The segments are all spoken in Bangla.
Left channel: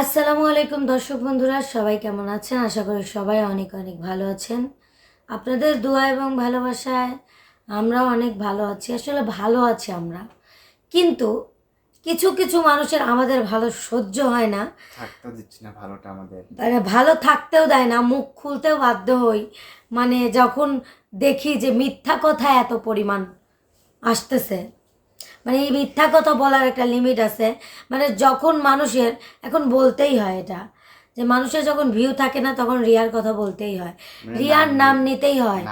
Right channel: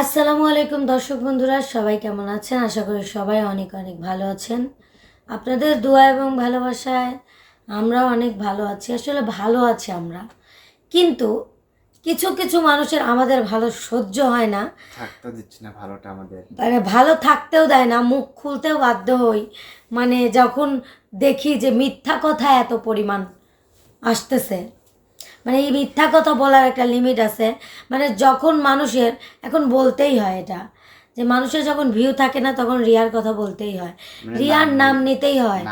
আসসালামু আলাইকুম দর্শক বন্ধুরা সবাই কেমন আছেন? আশা করি সবাই অনেক অনেক ভালো আছেন। আপনাদের দোয়া এবং ভালোবাসায় আমরাও অনেক ভালো আছি আসলে ভালো আছি আমরা। কিন্তু কিছু কিছু মানুষের আমাদের ভালো সহ্য হয় না। থাকতে দিচ্ছি না ভালোটা আমাদের। মানে ভালো থাকতেও দেয় না মুখ খুলতেও বাধ্য হই। মানে যখন দেখি যে মিথ্যা কথা এত পরিমাণ আসতেছে মানে এই মিথ্যা কথা বলার একটা লিমিট আছে। মানে যখন মানুষের এখন বলতেই হয় এটা যে মানুষের যখন ভিউ থাকে না তখন রিয়ার কথা বলতেই হয়। মানে রিয়ার নাম নিতেই হয়।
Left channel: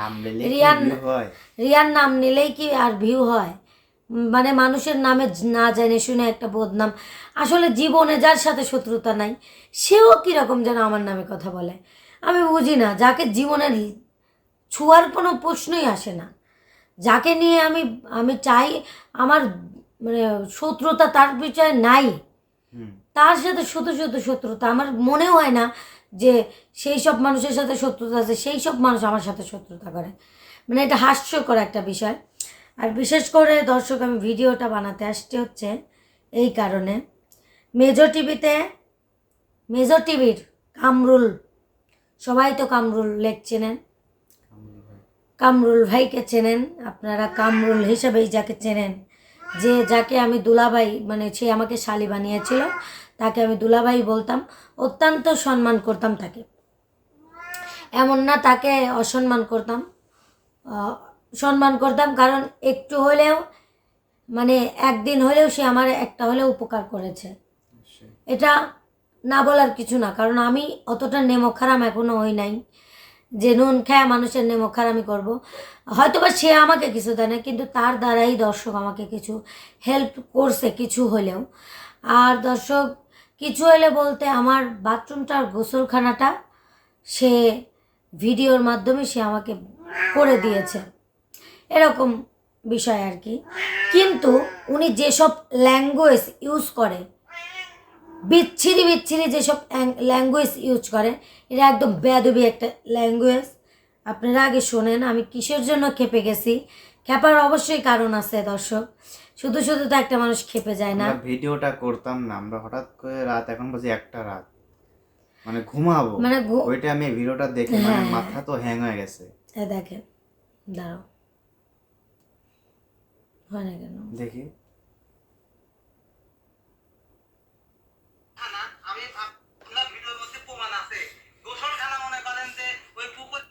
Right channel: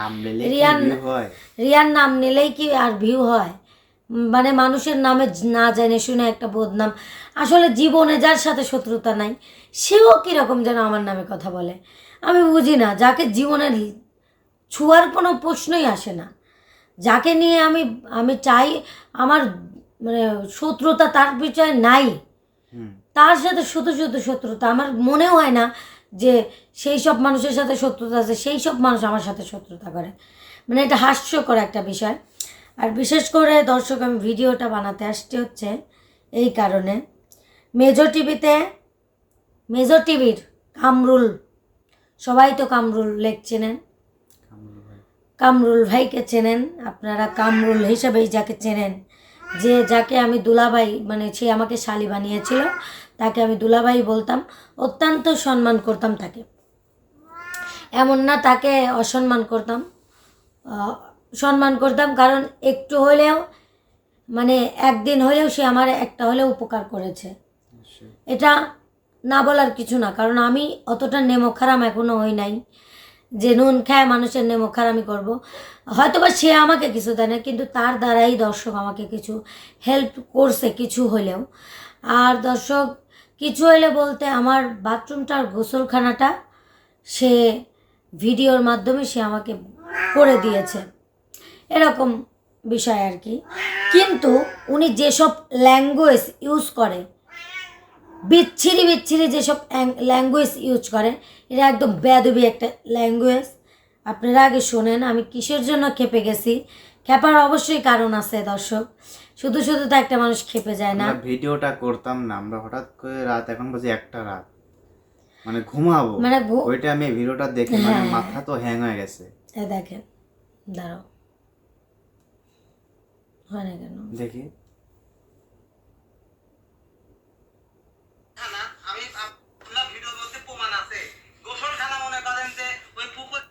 হয়? রিয়ার নাম নিলেই কি আর ভিউ হয়? মানে মানুষের নামে না জানে শুনে একটা বদনাম। আসলে জীবনে যার সাথে শত্রুতা নাই সেও কীরকম যেন আমার নামে কথা বলে? আমি বুঝি না যাকে জীবনে ল- ছোঁয়ার কোনো প্রশ্নই আসে না। যাকে নিয়ে আমি আমি চাই আমার মানে শত্রুতা তার বিষয়ে নাই। তার সাথে শুধু শুধু শত্রুতা। আমার মনে হয় না যে সেই সব মানুষের সাথে শত্রুতা আছে সেই সব মানুষ আমার সাথে শত্রুতা করে। মানে এটা হাস্যকর একটা বিষয়। আর বিশেষ করে দর্শক আমি ভিডিওটা বানাতে আসতে হচ্ছে এই কারণে। মেজর টিভিতে মেজর টিভির কামরুল সবাই তো কামরুল লেখ চেনেন। কামরুল ভাইকে চেনেন আপনারা কামরুল হিসাবেই যাকে চেনেন। যে যাকে আমি দুলাভাই মানে সে আমাকে শালি বানিয়েছিল তাকে আমি দুলাভাই বলতাম অত্যন্ত সম্মান করতাম তাকে। এমন না তাকে অসম্মান করতাম। সম্মান করতাম কারণ একটু হলেও মানে একদিন হলেও সে আমার একটা হলেও উপকার করেছে। এটা না বলার কিছু না কারণ আমি অতটা নেমখারাম এখনও হই নাই। যে নুন খায়, মানুষের নেমখারামি করব। হয়তো বা সে আমাকে কিছু দেয় না, কিন্তু তার দ্বারাই দর্শক আমাকে কিছু হেল্প করছে কিছু হলেও। আর দর্শক, কিছু হলে বলতে আমার বাথরুমটার গোসলখানাটা সে ভিডিওর মাধ্যমে সে আমাকে করে দিয়েছে। এরকম বিষয় আর কি। কিন্তু উনি যেসব ল্যাঙ্গুয়েজ ইউজ করে, বিচ্ছিরি বিচ্ছিরি যেসব ল্যাঙ্গুয়েজ ইউজ করে এটা একদম বেদবি একটা ল্যাঙ্গুয়েজ আপনারা আগে শোনেন আমি কিসের জন্য খেপে গেছি? খেপার অবশ্যই কারণ আছে দর্শক। শুধু শুধু তো একটা মানুষ খেপে যায় না। ভিডিওটা করতাম না আমরা হঠাৎ করে রাত এখন বাজে একটা রাত। মানে ঘুমাবো। মানে ওইটা আমি ভিডিওটা দেখে মানে হ্যাঁ। মাথা তো হ্যাং হয়ে গেছে। দেখেন দাঁড়াও। হয় না কেন? দেখি খানা আমি আপনার ভিডিওর মধ্যে প্রমাণ আছে গোসলখানা মনে করেন যে ওই পুকুর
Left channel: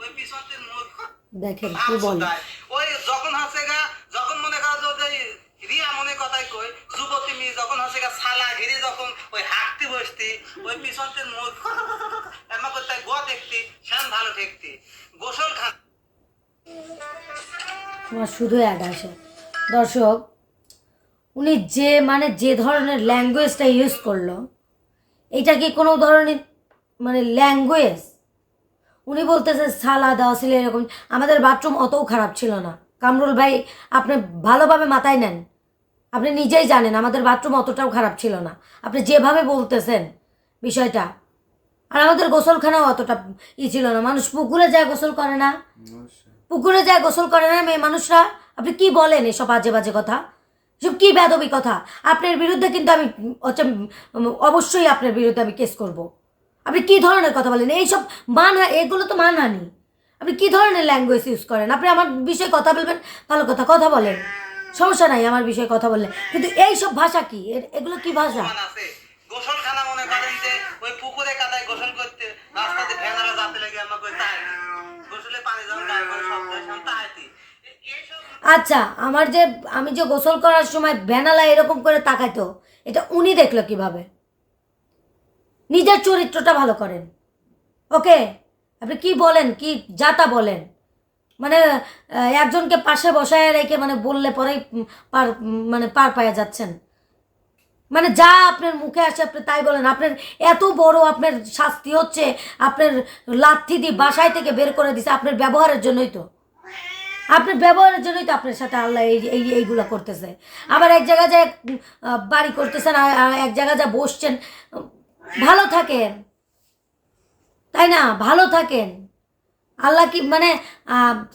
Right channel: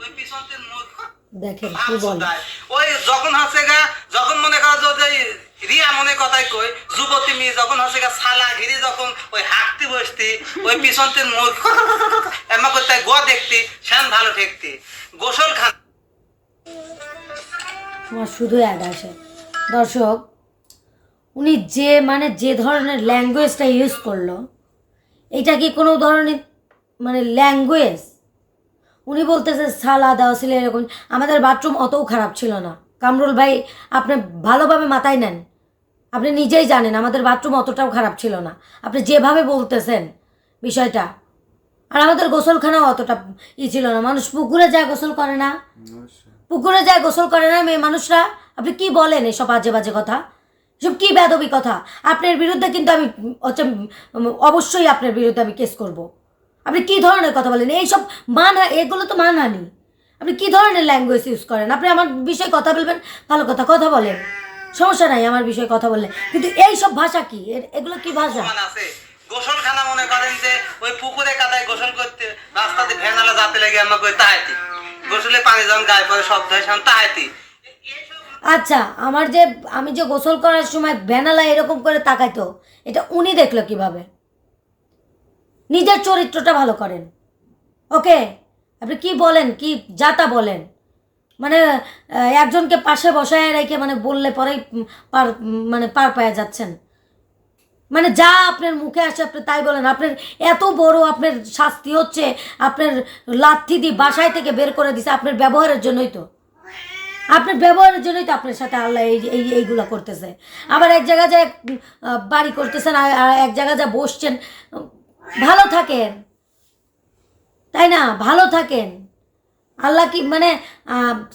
ওই পিছনতে মোর দেখেন কি বলে? ওই যখন হচ্ছে গা যখন মনে করা যে রিয়া মনে কথাই কই যুবতী মেয়ে যখন হচ্ছে গা সালা ঘিরে যখন ওই হাঁকতে বসতি ওই পিছনতে মোর এমা করতে গো দেখতি সেন ভালো ঠেকতি। গোসলখানা আমার শুধু অ্যাড আসে দর্শক উনি যে মানে যে ধরনের ল্যাঙ্গুয়েজটা ইউজ করল এটা কি কোনো ধরনের মানে ল্যাঙ্গুয়েজ উনি বলতেছে, সালা দেওয়া ছিল এরকম। আমাদের বাথরুম অতও খারাপ ছিল না। কামরুল ভাই, আপনি ভালোভাবে মাথায় নেন। আপনি নিজেই জানেন, আমাদের বাথরুম অতটাও খারাপ ছিল না। আপনি যেভাবে বলতেছেন বিষয়টা, আর আমাদের গোসলখানাও অতটা ই ছিল না। মানুষ পুকুরে যায় গোসল করে না। পুকুরে যায় গোসল করে না মেয়ে মানুষরা। আপনি কি বলেন এসব বাজে বাজে কথা? এসব কী বেদবি কথা? আপনার বিরুদ্ধে কিন্তু আমি হচ্ছে অবশ্যই আপনার বিরুদ্ধে আমি কেস করব। আপনি কি ধরনের কথা বলেন? এইসব মানা এগুলো তো মানানি আপনি কি ধরনের ল্যাঙ্গুয়েজ ইউজ করেন? আপনি আমার বিষয়ে কথা বলবেন ভালো কথা কথা বলেন। সমস্যা নাই আমার বিষয়ে কথা বললে। কিন্তু এই সব ভাষা কি? এগুলো কি ভাষা? গোসলখানা মনে করেন যে ওই পুকুরে কাদায় গোসল করতে রাস্তাতে ভেনালা যাতে লেগে আমরা কই তাহাইতি গোসলে পানি যখন গায়ে পরে শব্দ হয় সেখানে তাহাইতি আচ্ছা আমার যে আমি যে গোসল করার সময় ভ্যানালা এরকম করে তাকাইতো এটা উনি দেখল কীভাবে? নিজের চরিত্রটা ভালো করেন। ওকে? আপনি কি বলেন? কি যাতা বলেন? মানে একজনকে পাশে বসায় রেখে মানে বললে পরেই পার মানে পার পায়া যাচ্ছেন। মানে যা আপনার মুখে আসে আপনি তাই বলেন। আপনার এত বড় আপনার শাস্তি হচ্ছে, আপনার লাথি দিয়ে বাসায় থেকে বের করে দিছে আপনার ব্যবহারের জন্যই তো। আপনার ব্যবহারের জন্যই তো আপনার সাথে আল্লাহ এই এই, এইগুলো করতেছে। আবার এক জায়গায় যায় বাড়ি করতেছেন এক জায়গায় যা বসছেন ভালো থাকেন। তাই না? ভালো থাকেন। আল্লাহ কি মানে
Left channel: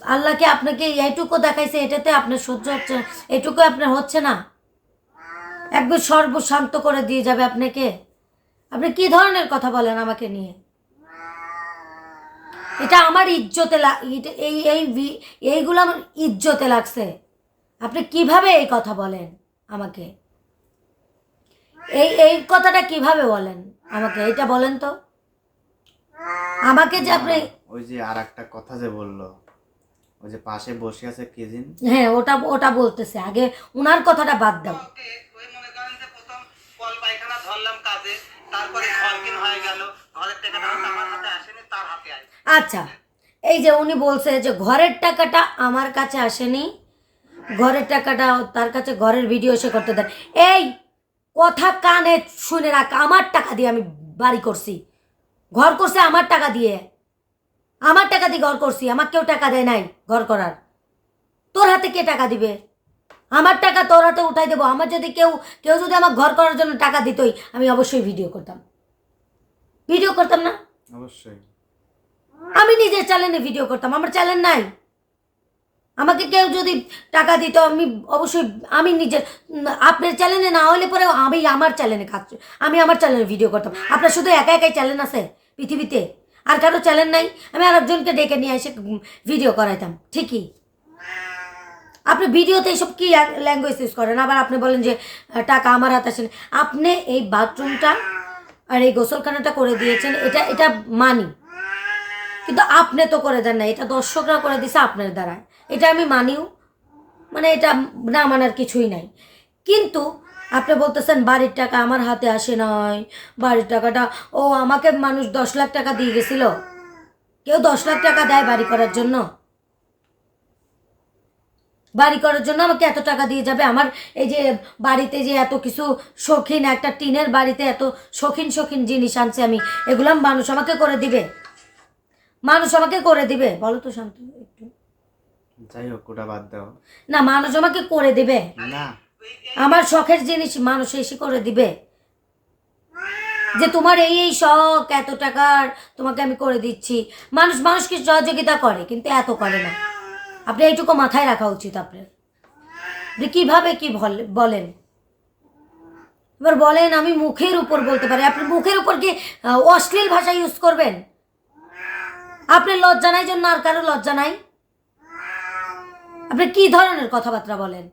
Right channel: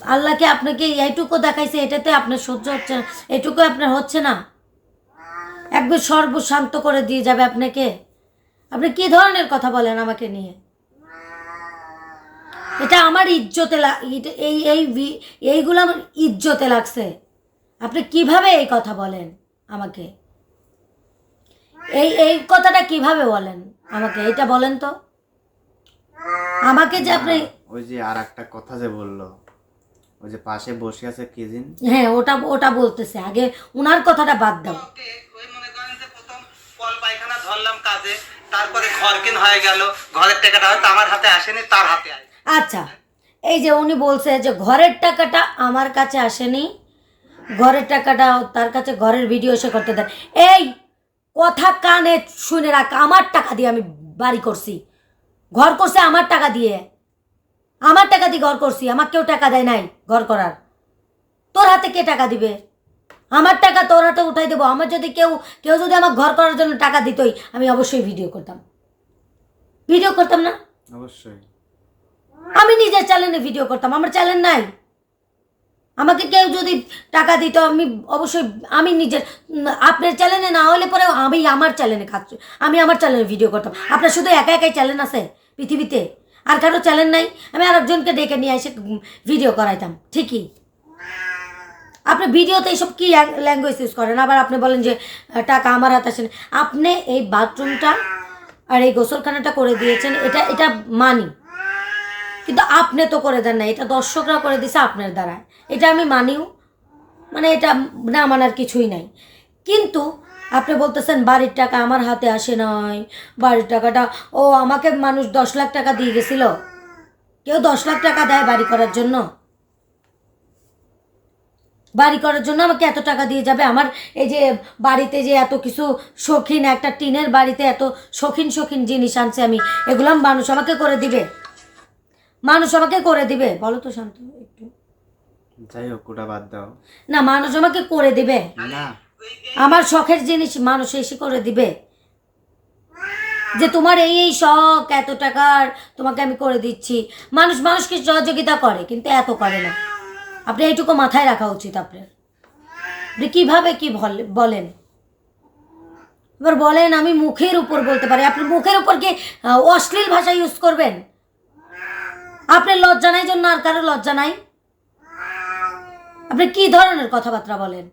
আল্লাহকে আপনাকে এইটুকু দেখাইছে? এটাতে আপনার সহ্য হচ্ছে না। এটুকু আপনার হচ্ছে না। একবার সর্বশান্ত করে দিয়ে যাবে আপনাকে। আপনি কি ধরনের কথা বলেন আমাকে নিয়ে? এটা আমার ইজ্জতে এই এই এইগুলো আমার ইজ্জতে লাগছে। আপনি কীভাবে এই কথা বলেন আমাকে? এই এই কথাটা কীভাবে বলেন? আমাকে এটা বলেন তো। আমাকে যে আপনি ওই যে আর একটা কথা যে বলল ওই যে পাশে বসে আছে কেজিন হ্যাঁ ওটা ওটা বলতেছে। আগে উনার কথাটা বাদ দাও। ওকে, ওই মনে করেন যে প্রথম কল পায়খানা ধরলাম কাজে তারপরে ঘর কিন হয়ে গেল। ঘরের টাকাটা হয়তো আমার হাতে আসেনি তার হাতে আচ্ছা এই যে উনি বলছে যে ঘরের টাকাটা আমার কাছে আসেনি ঘরের টাকাটা তার কাছে ঘরের ভিডিও এসে করতে দেন। এই কথা কানে শুনে রাখ আমার টাকা দিয়ে আমি বাড়ি করছি। ঘর করছে আমার টাকা দিয়ে। আমার টাকা দিয়ে ঘর করছি আমার কেউ টাকা দেয় নাই ঘর করার। তোর হাতে কে টাকা দিবে? আমার টাকা তোর হাতে উঠাই দেবো। আমার যদি কেউ কেউ যদি আমার ঘর করার জন্য টাকা দিতই আমি অবশ্যই ভিডিও করতাম। ভিডিও করতাম না? অবশ্যই। আমি নিজের চ্যানেলে ভিডিও করতাম। আমার চ্যানেল নাই। আমাকে কেউ যদি টাকা দিত, আমি অবশ্যই, আমি নিজের আপনার চ্যানেলে না হলে পরে আমি আমার চ্যানেলে কাজ আমি আমার চ্যানেলে ভিডিও করতাম। আপনার শুধু একা একাই চ্যানেল আছে পৃথিবীতে? আর কারও চ্যানেল নাই? আমি আরেকজনকে ডেকে নিয়ে এসে ভিডিও করাইতাম, ঠিকই? আপনি ভিডিওতে এইসব কী ল্যাঙ্গুয়েজ ইউজ করেন? আবার আপনি বলেন যে টাকা আমার হাতে আসেন। আপনি এই বাথরুমটা আর এই গোসলখানাটা করে দিয়েছেন, এটা এটা মানি। কিন্তু আপনি তো করে দেন না এটা দর্শকরা করে দিছে আপনার দ্বারা এটা আমি মানিও। মানে এটা না মানার কিছুই নাই। কিন্তু আপনি বলতেছেন, বাড়ির টাকা আমার হাতে আসে নয় বাড়ির টাকাটা, ও আমাকে মানুষ দশ লাখ টাকা দিয়ে গেছিল। কেউ দশ লাখ টাকা দেয় বাড়ি করার জন্য। বাড়ি করার জন্য আমাকে এত টাকা দিয়ে যাবে। আমার এই যে বাড়িতে যে এত কিছু শৌখিন, একটা টিনের বাড়িতে এত শৌখিন শৌখিন জিনিস আনছে আমি, এগুলো মানুষ আমাকে করে দিবে। মানুষ আমাকে করে দিবে। বলো তো শান্ত, একটু। যাই হোক ওটা বাদ দাও। না মানুষ আমাকে করে দিবে। না। আমার শখের জিনিস মানুষ এসে করে দিবে। যে তোমার এই এই শখ এত টাকার তোমাকে আমি করে দিচ্ছি। মানুষ মানুষকে সহযোগিতা করে কিন্তু এত করে না। আপনি এইটুকু মাথায় রাখা উচিত আপনার। আপনি কীভাবে কী বল- বলেন? এবার বলেন আমি মুখের উপর বলতে পারি। আপনি মুখের উপর কি অশ্লীল ভাষা ইউজ করবেন? আপনার লজ্জা নাই জন্য আর কারও লজ্জা নাই? আপনি কি ধরনের কথাবার্তা বলেন?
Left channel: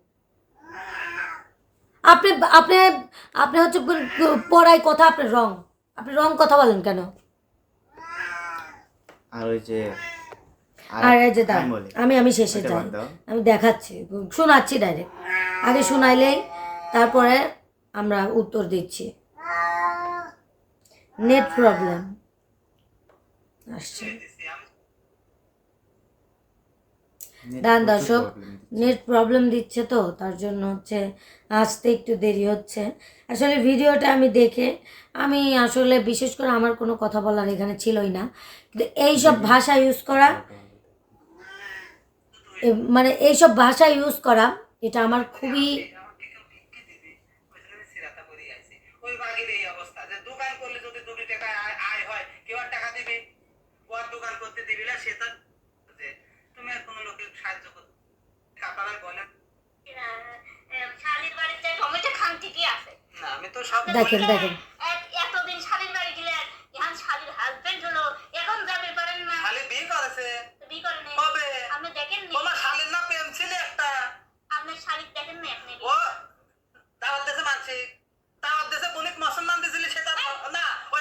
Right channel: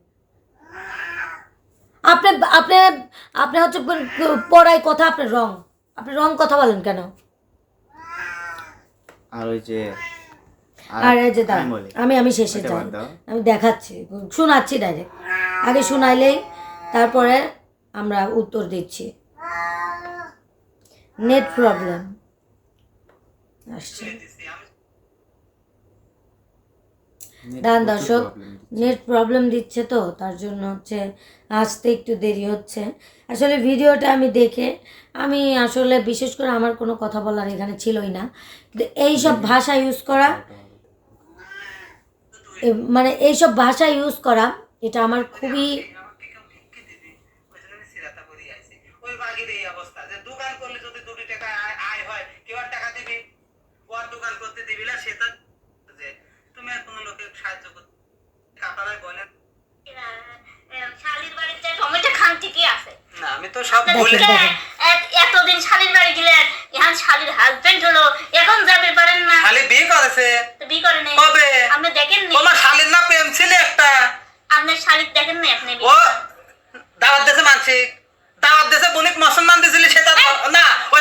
আপনি আপনি আপনি হচ্ছে পড়াই কথা আপনি রং। আপনি রং কথা বলেন কেন? আর ওই যে আর এই যে আমি আমি শেষে যাই। আমি দেখাচ্ছি শোনাচ্ছি ডাইরেক্ট আগে শোনাইলেই তারপরে আমরা উত্তর দিচ্ছি। নেট প্রবলেম আসছে। দাঁড়ান দর্শক নেট প্রবলেম দিচ্ছে তো তার জন্য হচ্ছে আসতে একটু দেরি হচ্ছে। আসলে ভিডিওটা আমি দেখে আমি আসলে বিশেষ করে আমার কোনো কথা বলার এখানে ছিলই না। কিন্তু এইসব ভাষা ইউজ করা মানে এইসব ভাষা ইউজ করা এটা আমার খুবই সিরাতা করি আইছি ওই বাগের এই অবস্থা যে দোকান করলে যদি দুটি টাকা আয়- আয় হয় কেউ টাকা দিবে? ও দোকান করতে দিবি না সেটা যে তুমি আর কোনো লোকের সাহায্য করতে আপনারা বলেন। শালির বাড়িতে টমেটো খান ঠিকই আছে? না আমি তো সব বলে এতদিন শালির বাড়ি গেলেন এখন শালির হাজবেন্ড হলো এখন যাবে পারেন না। খালি বিয়ে করেছে। বিয়ে নাই। কবে? আপনি দেখেন নি? তোমার শালীর না প্রেম ছিল একটা। আপনার শালিক দেখেন না আপনি ও দাওয়াত দেশে মানসিক দাওয়াত দেশে মুসলমান দিয়েছিল সেটা না ওই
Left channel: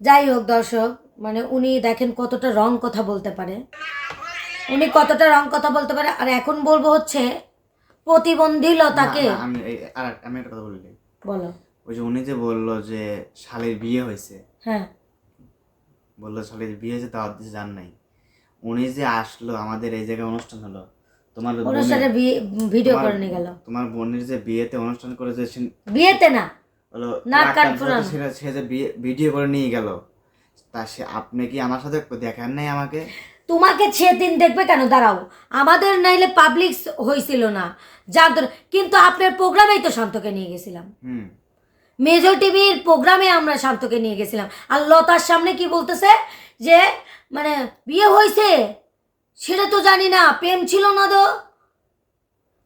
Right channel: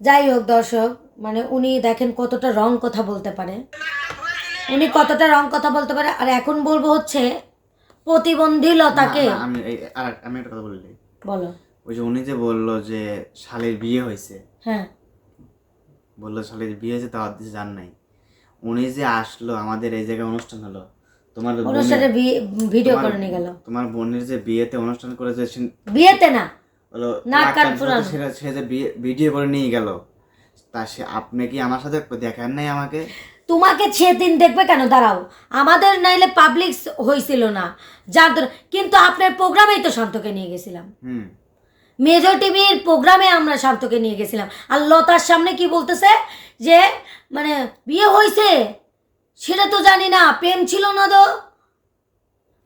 যাই হোক দর্শক মানে উনি দেখেন কতটা রং কথা বলতে পারে। উনি কতটা রং কথা বলতে পারে। আর এখন বলব হচ্ছে প্রতিবন্ধীলতাকে না, না, আমি আর আমি একটা কথা বললি বলো। ওই যে উনি যে বলল যে শালের বিয়ে হয়েছে। হ্যাঁ। বলল শালের বিয়ে হয়েছে তাও দিতে জান নাই। উনি যে আসলো আমাদের এই জায়গায় অনুষ্ঠান হলো তোমার অনুষ্ঠানে বিয়ে ভিডিও করে নিয়ে গেল। তোমার বোনের যে বিয়েতে অনুষ্ঠান করে যে বিয়েতে না। হলো না নাক কান কান ফুরানো। ফুরাতে সেটা সে যে ভিডিও করে নিয়ে গেল। তা সে আপনি কি আমার সাথে দেখান নাই আমাকে? তোমাকে সেদিন দেখবে কেন? দাঁড়াও। আমাদের নাইলে পাবলিক হয়েছিল না। যার ধর- কিন্তু আপনার প্রোগ্রামেই তো শান্তকে নিয়ে গেছিলাম। হুম। মেজর টিভির প্রোগ্রামে আমরা শান্তকে নিয়ে গেছিলাম। আর লতার সামনে কি বলতেছে? যে মানে বিয়ে হয়েছে সেটা তো জানি না প্রেম ছিল না তো।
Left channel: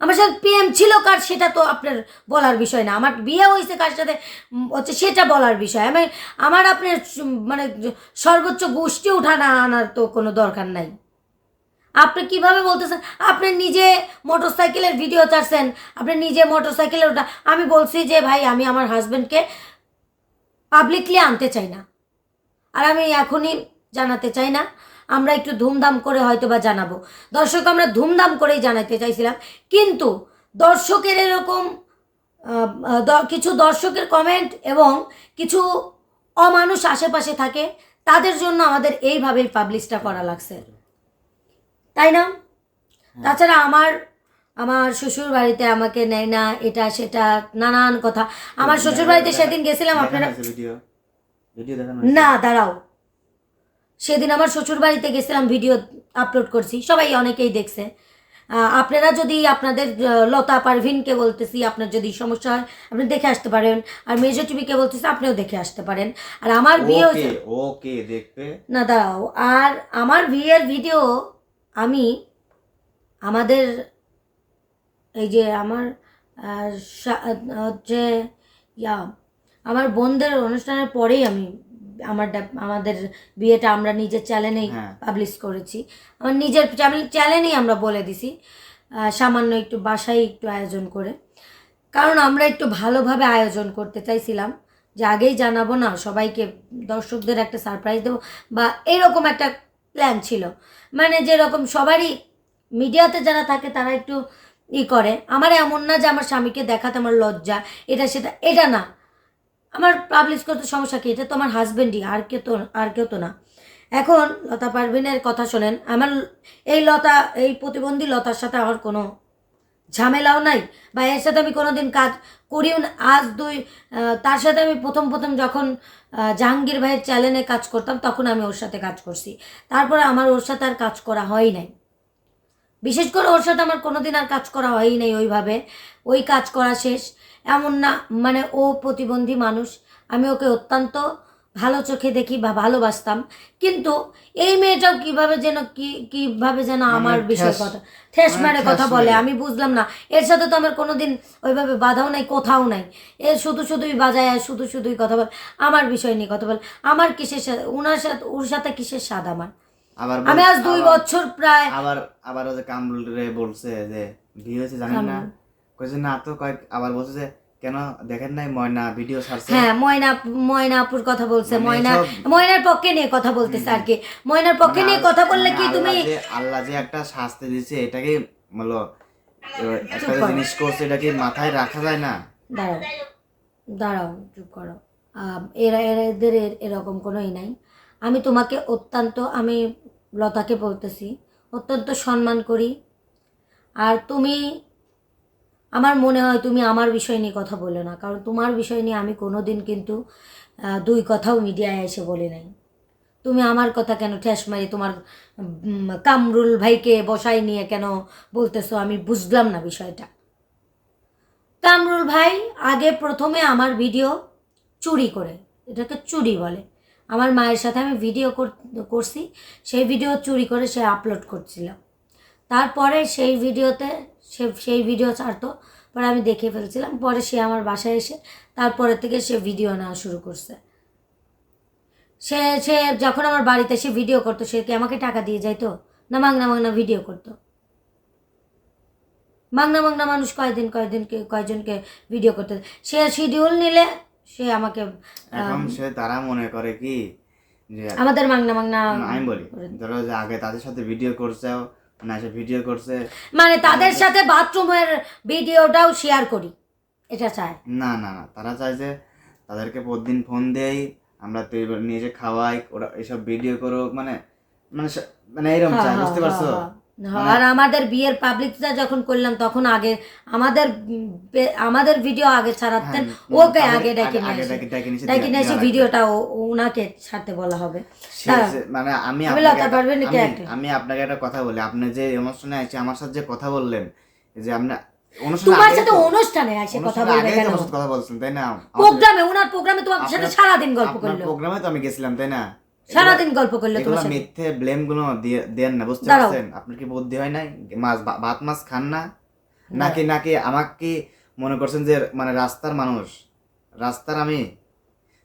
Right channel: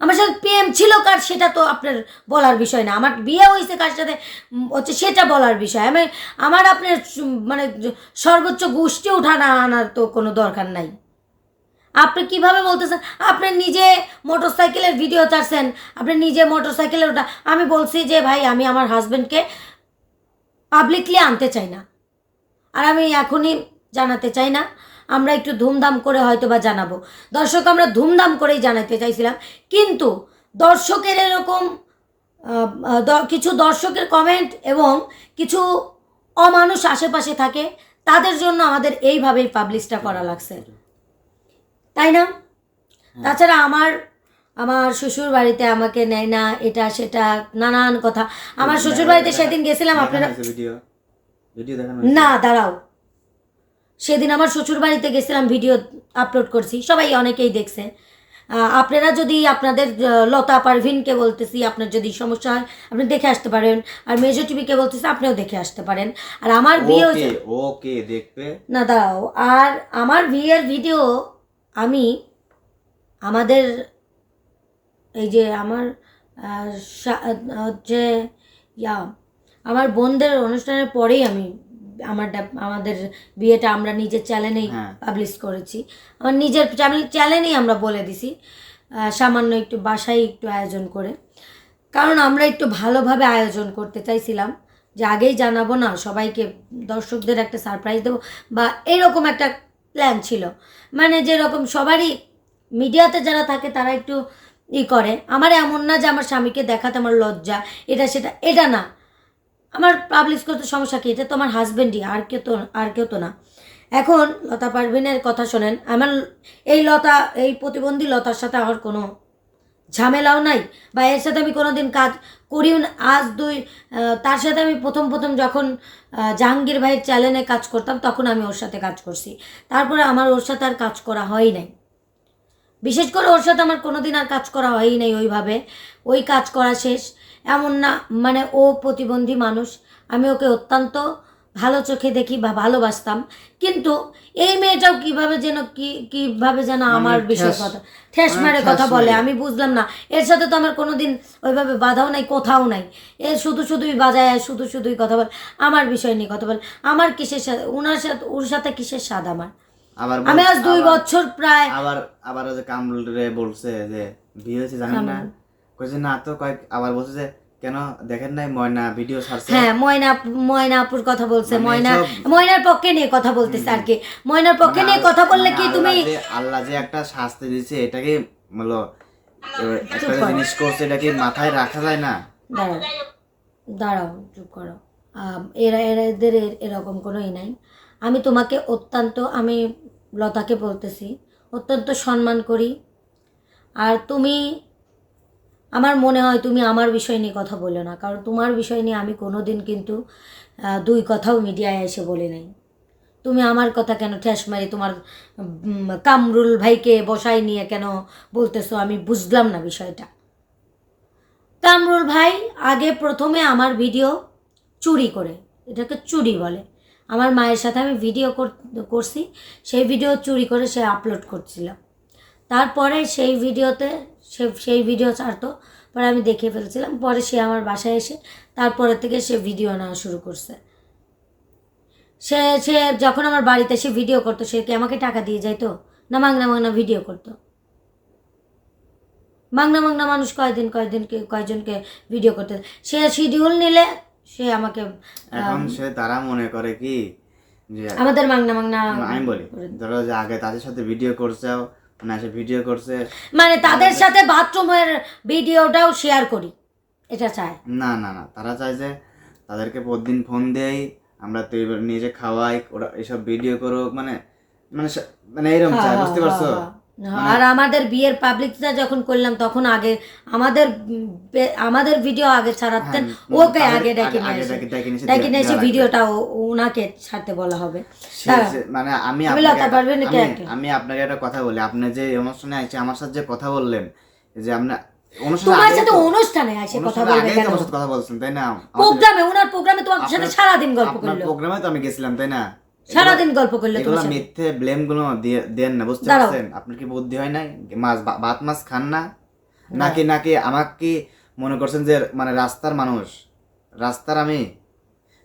আমার সাথে প্রেম ছিল কার সেটা তো আপনার বলার বিষয় না। আমার বিয়ে হয়েছে কার সাথে হচ্ছে সেটা বলার বিষয়। আমি, আমার আপনার মানে সর্বোচ্চ গোষ্ঠী উঠানা আনার তো কোনো দরকার নাই। আপনি কীভাবে বলতেছেন? আপনি নিজে মোটর সাইকেলের ভিডিও ছাড়ছেন, আপনি নিজে মোটর সাইকেলের ওটা আমি বলছি যে ভাই, আমি আমার হাজব্যান্ডকে পাবলিকলি আনতে চাই না। আর আমি এখনই জানাতে চাই না। আমরা একটু ধুমধাম করে হয়তো বা জানাব। দর্শক আমরা ধুমধাম করেই জানাতে চাইছিলাম। কিন্তু দর্শকের এরকম কিছু দর্শকের কমেন্ট এবং কিছু অমানুষ আশেপাশে থাকে তাদের জন্য আমাদের এইভাবেই পাবলিশটা করা লাগছে। তাই না? তাছাড়া আমার আমার শ্বশুর বাড়িতে আমাকে নেয় না এটা সেটা নানান কথা। আমার শ্বশুর বাড়িতে সেদিন গেছিলাম আপনারা না দাঁড়াও। সেদিন আমার শ্বশুর বাড়িতে গেছিলাম ভিডিও আপলোড করছি। সবাই অনেকেই দেখছে। আপনারা যদি আপনাদের লতা পারভিনকে বলতেছি আপনার যদি সমস্যা হয় আপনি দেখে আসতে পারেন। আর মেজর টিভিকে বলতেছি আপনিও দেখে আসতে পারেন। আর আমার বিয়ে ওকে দেখবে না দাঁড়াও। আর আমার বিয়ের ভিডিও আমি আমাদের এই যে আমার হচ্ছে ইয়া আমার বোনদের অনুষ্ঠানের পরেই আমি আমার আমাদের বিয়েটা আমরা নিজের চ্যানেলেই। পাবলিশ করেছি। আমার নিজের চ্যানেলেই আমরা বলে দিছি। সামান্য একটু বাসায় একটু আয়োজন করে। কারণ আমরা একটু ভালোভাবে আয়োজন করতে চাইছিলাম। যে আগেই জানাব না সবাইকে দর্শকদের একটা সারপ্রাইজ দেবো। বা এরকম একটা প্ল্যান ছিল। মানে যেরকম সবারই মিডিয়াতে যারা থাকে তারা একটু ই করে। আমার এমন না যে আমার স্বামীকে দেখাতে আমার লজ্জা। এটা সেটা এটা না। আমার পাবলিশ করতে সমস্যা কি? এটা তো আমার হাজব্যান্ডই আর কেউ তো, আর কেউ তো না। এখন লতা পারভিনের কথা শোনেন, আমার এই লতা, এই প্রতিবন্ধী লতার সাথে আমার কোনো ঝামেলাও নাই? বা এর সাথে আমি কোনো দিন কাজ করিও না। আজ দুই তার সাথে আমি প্রথম প্রথম যখন জাহাঙ্গীর ভাইয়ের চ্যানেলে কাজ করতাম, তখন আমি ওর সাথে কাজ করছি। তারপরে আমার ওর সাথে আর কাজ করা হয় নাই। বিশেষ করে ওর সাথে আমার কোনো দিন আর কাজ করা হয়ই নাই ওইভাবে। ওই কাজ করা শেষ। এমন না মানে ও প্রতিবন্ধী মানুষ। আমি ওকে অত্যন্ত ভালো চোখে দেখি বা ভালোবাসতাম। কিন্তু এই মেয়েটাও কীভাবে যেন কি কীভাবে যেন মানে আমার বিষয়ে কথা ঠেস মানে মারে কথা বলে আমি বুঝলাম না। এর সাথে তো আমার কোনোদিন ওইভাবে বাধাও নাই কোথাও নাই। এ শুধু শুধুই বাজায় আর শুধু শুধুই কথা বল। আমার বিষয় নিয়ে কথা বল। আমার কিসের সাথে ওনার সাথে ওর সাথে কিসের স্বাদ আমার? আমি আজ দুই বছর প্রায় আবার আবার কামরুল রে বলছে যে বিয়ে হয়েছে জানেন না। কইছে না তো কয়েক আবার বলছে যে কেন দেখেন নাই ময়না ভিডিও ছাড়ছে? হ্যাঁ ময়না ময়না আপুর কথা বলছে মানে ময়না ময়নার পক্ষে নিয়ে কথা বলতেছে আর কি। ময়নার পক্ষে মানে নিয়ে কথা বললে কি তুমি আল্লাহ যে- একটা শাস্তি দিচ্ছে এটাকে বলো এবার একটা। জিনিস করছে এটা কি মাথায় রাখা যায় না? দাঁড়াও দাঁড়াও চুপ করো। এরা এদের এর- এরকম কোনোই নাই। আমি তোমাকে অত্যন্ত আমি লতাকে বলতেছি অত্যন্ত সম্মান করি। আর তুমি আমার মনে হয় তুমি আমার বিষয় নিয়ে কথা বলো না, কারণ তোমার বিষয় নিয়ে আমি কোনো দিন কিন্তু দুই কথাও মিডিয়ায় এসে বলি নাই। তুমি আমার কথা কেন ঠেস মারি, তোমার কামরুল ভাইকে বসাই নিয়ে কেন বলতেছো? আমি বুঝলাম না বিষয়টা। কামরুল ভাই আগে প্রথমে আমার ভিডিও চুরি করে, এটাকে চুরি বলে। আমার মায়ের সাথে আমি ভিডিও কর- করছি, সেই ভিডিও চুরি করে সে আপলোড করছিল। তারপরে সেই ভিডিওতে সে সেই ভিডিও ছাড়তো। পরে আমি দেখে ফেলছিলাম। পরে সে আমার বাসায় এসে তারপরে থেকে সে ভিডিও নেওয়া শুরু করছে। সে সে যখন আমার বাড়িতে সে ভিডিও করতো সে কি আমাকে টাকা দিয়ে যাইতো? না মাংনা মাংনা ভিডিও করতো? মাংনা মাংনা মানুষ কয়দিন কয়দিনকে কয়জনকে ভিডিও করতে সে শিডিউল নিলে সে আমাকে এখন সে তারা মনে করে কি আমাদের মাংনা মাংনা আমি বলি ধরো যে আগে তাদের সাথে ভিডিও করছে মানে এসে ভিডিও করছে। মানে তাদের সাথে বাথরুমের ভিডিওটাও শেয়ার করি। এটা চায় না না না তারা চায় যে তাদেরকে প্রতিদিন ফোন দেই আমরা তো এবার নিজে খাওয়াই ওরা এসব ভিডিও করুক মানে মানে মানে এরকম চায় হ্যাঁ, বুঝতে হ্যাঁ, পারছ? হ্যাঁ। আর আমাদের বিয়ের পাবলিকটা যখন করলাম তখন আগে আমাদের আমাদের ভিডিও আগে ছাড়াতেন হ্যাঁ, ওকে আগে ডেকে ডেকে- নিয়ে এসে। ভিডিওটা ওনাকে ছাড়তে বলা হবে। মানে আমি আমি আপনাকে একটা- আমি- আপনাকে একটা কথা বলি আপনি যে অনুষ্ঠানে আছে আমার সাথে যে কথা বললেন যে আপনি তোমার সাথে অনুষ্ঠানে আসে কথা বলবে কেন? কথা বলছেন তাই না? প্রোগ্রামে ওনার প্রোগ্রামে তোমার সাথে সারাদিন গল্প করল। প্রোগ্রামে তো আমি গেছিলাম তাই না? সারাদিন গল্প করল এগুলো মিথ্যে ব্লেমগুলো দেন না বুঝতে পারছেন? আপনার কি বুদ্ধি হয় নাই? মাছ ভাত মাছ খান না? নাকি নাকি আমাকে কি মনে করছেন যে মানে রাস্তার মানুষ? রাস্তার আমি?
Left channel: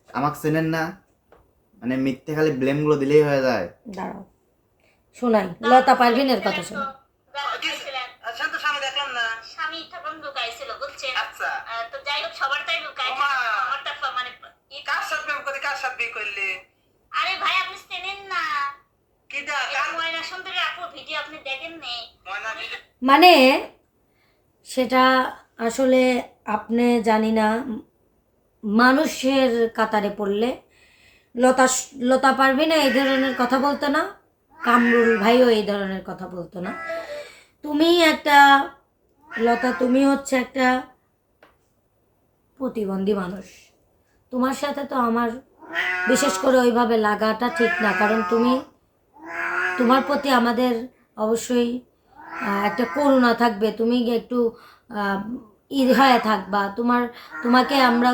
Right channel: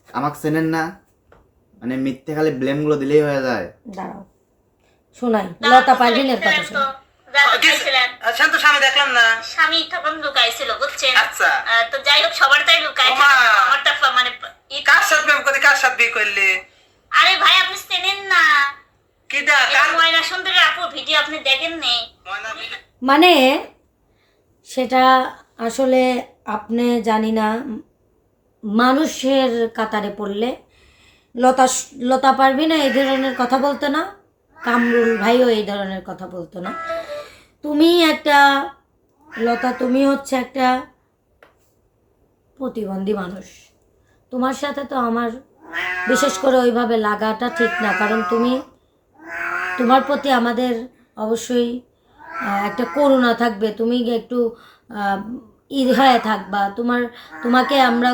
আমাকে চেনেন না? মানে মিথ্যে খালি ব্লেমগুলো দিলেই হয়ে যায়। দাঁড়াও। শোনাই লতা পারভিনের কথা শোনো শান্ত স্বামী দেখলাম না। স্বামী তখন লুকাইছিল বুঝছেন? আচ্ছা। তো যাই হোক সবার তাই লুকাই আমারটা মানে কার সাথে প্রেম কার সাথে বিয়ে করলি? আরে ভাই আপনি চেনেন না। কি দা ময়না আপু ভিডিও আপনি দেখেন নেই ময়না মানে সেটা আসলে আপনি জানি না মানুষের কাতারে পড়লে। লতা লতা পারবি না এই ধরনের কথা বলতো না? কামরুল ভাইও এই ধরনের কথা বলতো না? তুমি একটা লতা তুমি হচ্ছে একটা প্রতিবন্ধী মানুষ। তোমার সাথে তো আমার বিশেষ করে ওইভাবে লাগাটা ঠিক না কারণ তুমি তোমার প্রতি আমাদের অবশ্যই একটা করুণা থাকবে। তুমি একটু আহ, ই হয়ে থাকবা। তোমার তোমাকে আমরা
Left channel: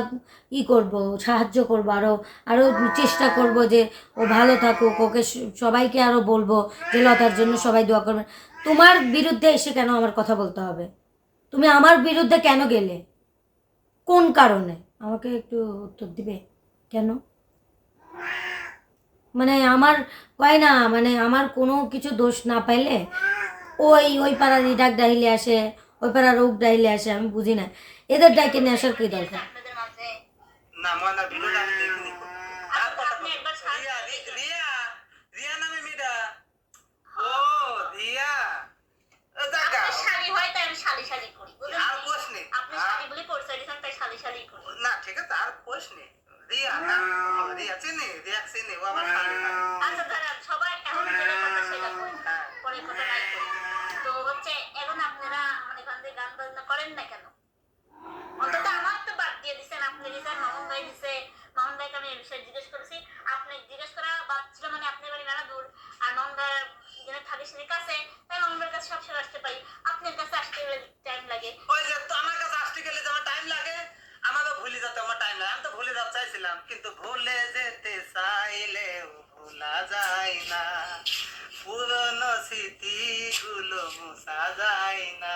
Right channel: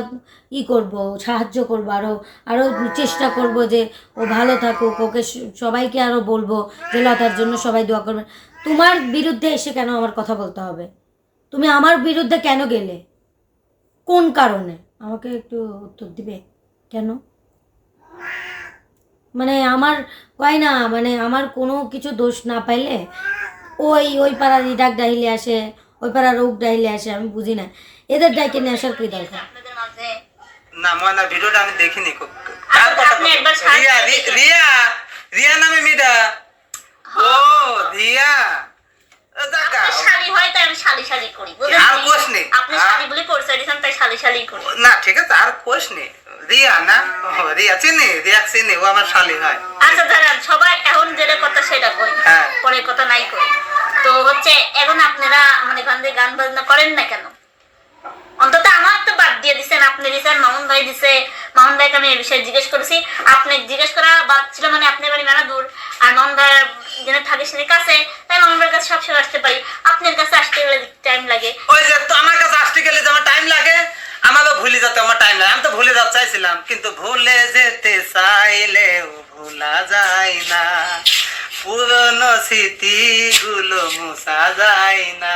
ই করব সাহায্য করব আরও আরও চেষ্টা করব যে ও ভালো থাকুক ওকে সবাইকে আরও বলব যে লতার জন্য সবাই দোয়া করবে। তোমার বিরুদ্ধে এসে কেন আমার কথা বলতে হবে? তুমি আমার বিরুদ্ধে কেন গেলে? কোন কারণে? আমাকে একটু উত্তর দিবে? কেন? মানে আমার কয় না মানে আমার কোনো কিছু দোষ না পাইলে ওই ওই পাড়ার ইডাক ডাইলে আসে ওই পাড়ার রোগ ডাইলে আসে আমি বুঝি না এদের ডাইকে নিয়ে আসার কি দরকার না ময়না ভিডিওটা আমি দেখিনি কার কথা আপনি বলছো? একবার সার্চ রিয়া করে রি- দেখেন। রিয়া রিয়া নামে মেয়েটা ও রিয়া ও দেখা। আপনি শালি হয় তাই আমি শালি শালি করি আর কোষ নেই। আপনি আর- বলে পরিচয় দিয়েছেন তাই শালি শালি করি না ঠিক আছে আর কোষ নেই রিয়া না? রিয়া চিনি? রিয়া চিনি ও আমার শালি হয়। আচ্ছা দাঁড়ান সবাই এখন যেটা কথা সেটা কই। হ্যাঁ। পরে কথা নাই কই। তো হচ্ছে এখন আপনারা মানে গান গান বাজনা করেন না কেন? অন্তত আমার তো বাদ দিয়ে দিছেন আপনি দিছেন মামুন ভাই দিছে। মামুন ভাইকে আমি এই বিষয়ে জিজ্ঞেস করেছি। আপনি জিজ্ঞেস করা বাদ ছিল মানে আপনার বাড়ি মেলা দূর। আর মামুন ভাই যেন থাকে সেটা কাছে তাই মামুন ভাইয়ের কাছে সবসময় আসতে পারি। আপনার কাছে আসতে গেলে টাইম লাগে। ওই যে তো আমার কাছে আসতে গেলে যে আমার টাইম লাগে আমার টাইম লাগে আমি তো ভুলে যেতে চাইছিলাম কিন্তু ভুলে যেতে চাইলেও ভোলা যায় না। পুরনো স্মৃতিগুলো মুছা যায় না।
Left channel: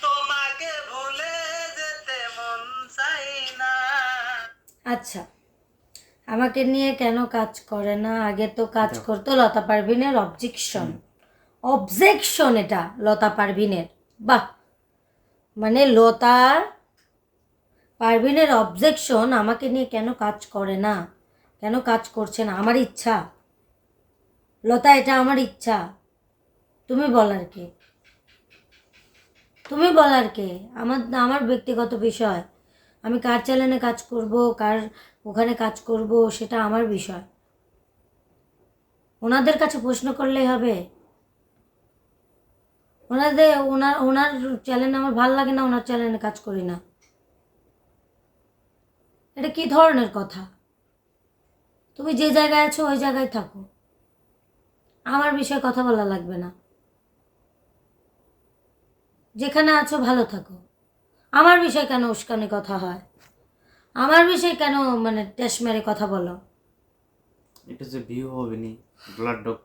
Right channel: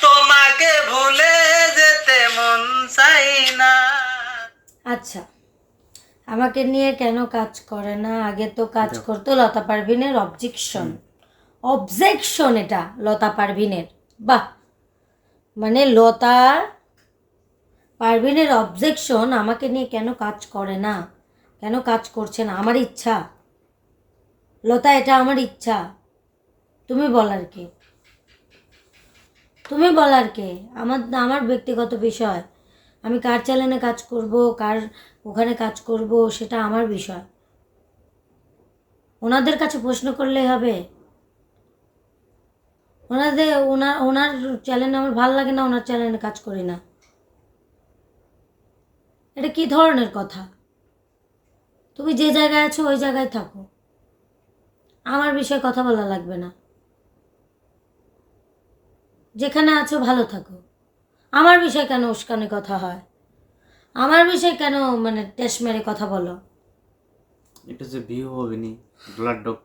তোমাকে ভুলে যেতে মন চাই না। আচ্ছা আমাকে নিয়ে কেন কাজ করে না? আগে তো কাজ করতো লতা পারভিনের অবজেকশন অবজেকশন এটা লতা পারভিনের। বাহ! মানে লতা পারভিনের অবজেকশন আমাকে নিয়ে কেন কাজ করে না? কেন কাজ করছে না? আমার ইচ্ছা। লতা, এটা আমার ইচ্ছা। তুমি বলার কে? তুমি বলার কে? আমার আমার ব্যক্তিগত বিষয়। আমি কার চ্যানেলে কাজ করব, কার ওখানে কাজ করব, সেটা আমার বিষয়। ওনাদের কাছে প্রশ্ন করলেই হবে। ওনাদের, ওনার ওনার চ্যানেলে আমার ভালো লাগে না, ওনার চ্যানেলে কাজ করি না। এটা কি ধরনের কথা? তুমি যে জায়গায় আছো ওই জায়গায় থাকো। আমার বিষয়ে কথা বলা লাগবে না। যেখানে আছো ভালো থাকো। আমার বিষয়ে কেন উস্কানি কথা হয়? আমার বিষয়ে কেন মানে টেস মেরে কথা বলো? একটু যে ভিউ হবে নি ডলার ডক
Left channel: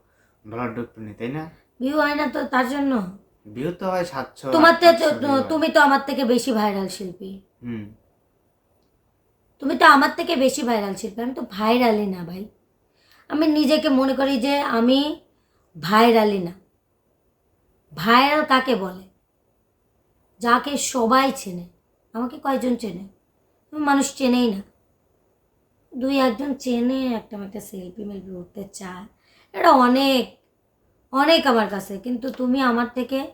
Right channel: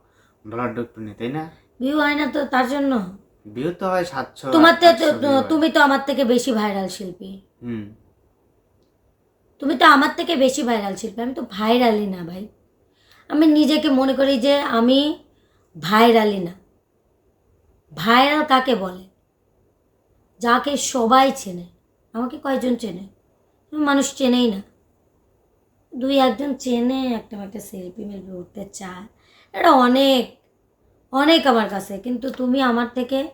ডলার ডক নি তাই না? ভিউ হয় না তো তার জন্য? ভিউ তো হয় সাতশো তোমার তো। তুমি তো আমার থেকে বেশি ভাইরাল শিল্পী। হুম। তুমি তো আমার থেকে বেশি ভাইরাল শিল্পী আমি তো ভাইরালই না ভাই। আমি নিজেকে মনে করি যে আমি ভাইরালই না। ভাইরাল কাকে বলে? যাকে সবাই চেনে। আমাকে কয়জন চেনে? মানুষ চেনেই না। দুই একজন চেনে একটা একটা সেলফি মেলফি উঠতে চায়। এটা অনেক অনেক আমার কাছে। কিন্তু তুমি আমার থেকে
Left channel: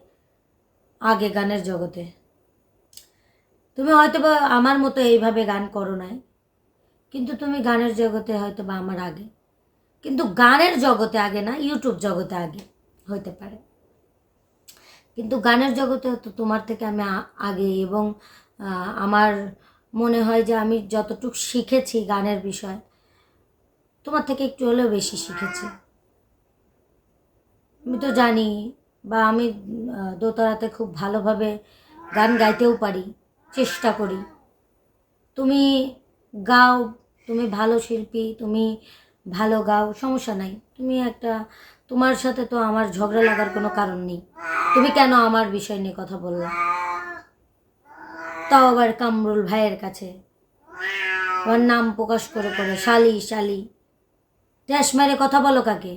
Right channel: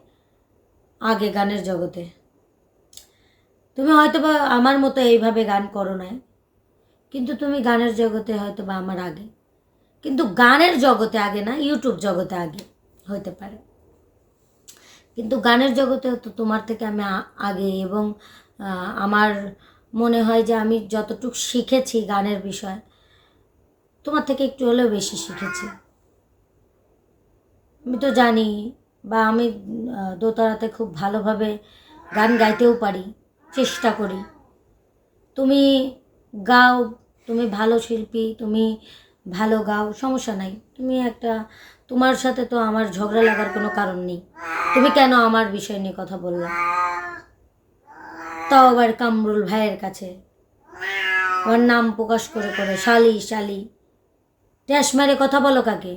আগে গানের জগতে তুমি হয়তো বা আমার মতো এইভাবে গান করো নাই, কিন্তু তুমি গানের জগতে হয়তো বা আমার আগে। কিন্তু গানের জগতে আগে না ইউটিউব জগতে আগে হতে পারে। কিন্তু গানের জগতে তো তোমার থেকে আমি আগে এবং আমার মনে হয় যে আমি যতটুকু শিখেছি গানের বিষয়, তোমার থেকে একটু হলেও বেশি শিখেছি। আমি তো জানি বা আমি দোতারাতে খুব ভালোভাবে গান গাইতেও পারি। চেষ্টা করি। তুমি গাও, তুমি ভালো শিল্পী, তুমি ভালো গাও, সমস্যা নাই। তুমি একটা, তোমার সাথে তো আমার ঝগড়া লাগার কোনো কারণ নেই। তুমি কেন আমার বিষয় নিয়ে কথা বললা? তাও আবার কামরুল ভাইয়ের কাছে। আমার নাম প্রকাশ করে করে, শালি শালি। ট্যাস মারে কথা বলো কাকে?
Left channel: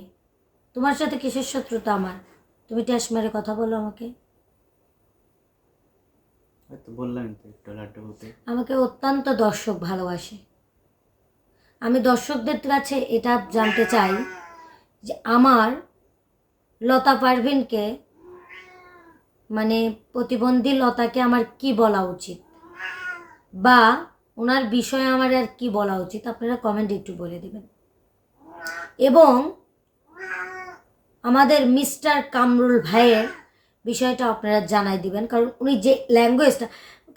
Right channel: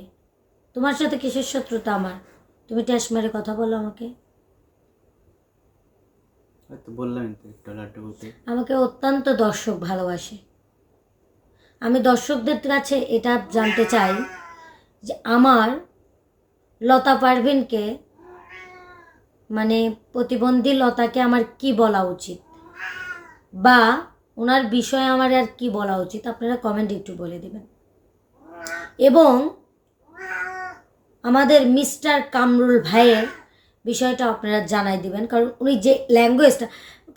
তোমার সাথে কিসের শত্রুতা আমার? তুমি ট্যাস মারে কথা বলো আমাকে। বললাম আমাকে অত্যন্ত দর্শক ভালোবাসে। আমি দর্শকদের কাছে এটা জানতে চাই যে আমার লতা পারভিনকে মানে প্রতিবন্ধী লতাকে আমার কি বলা উচিত? বা ওনার বিষয়ে আমার আর কি বলা উচিত? আপনারা কমেন্ট একটু বলে দেবেন। এবং আমাদের মিস্টার কামরুল ভাইয়ের বিষয়টা আপনারা জানাই দিবেন, কারণ উনি যে ল্যাঙ্গুয়েজটা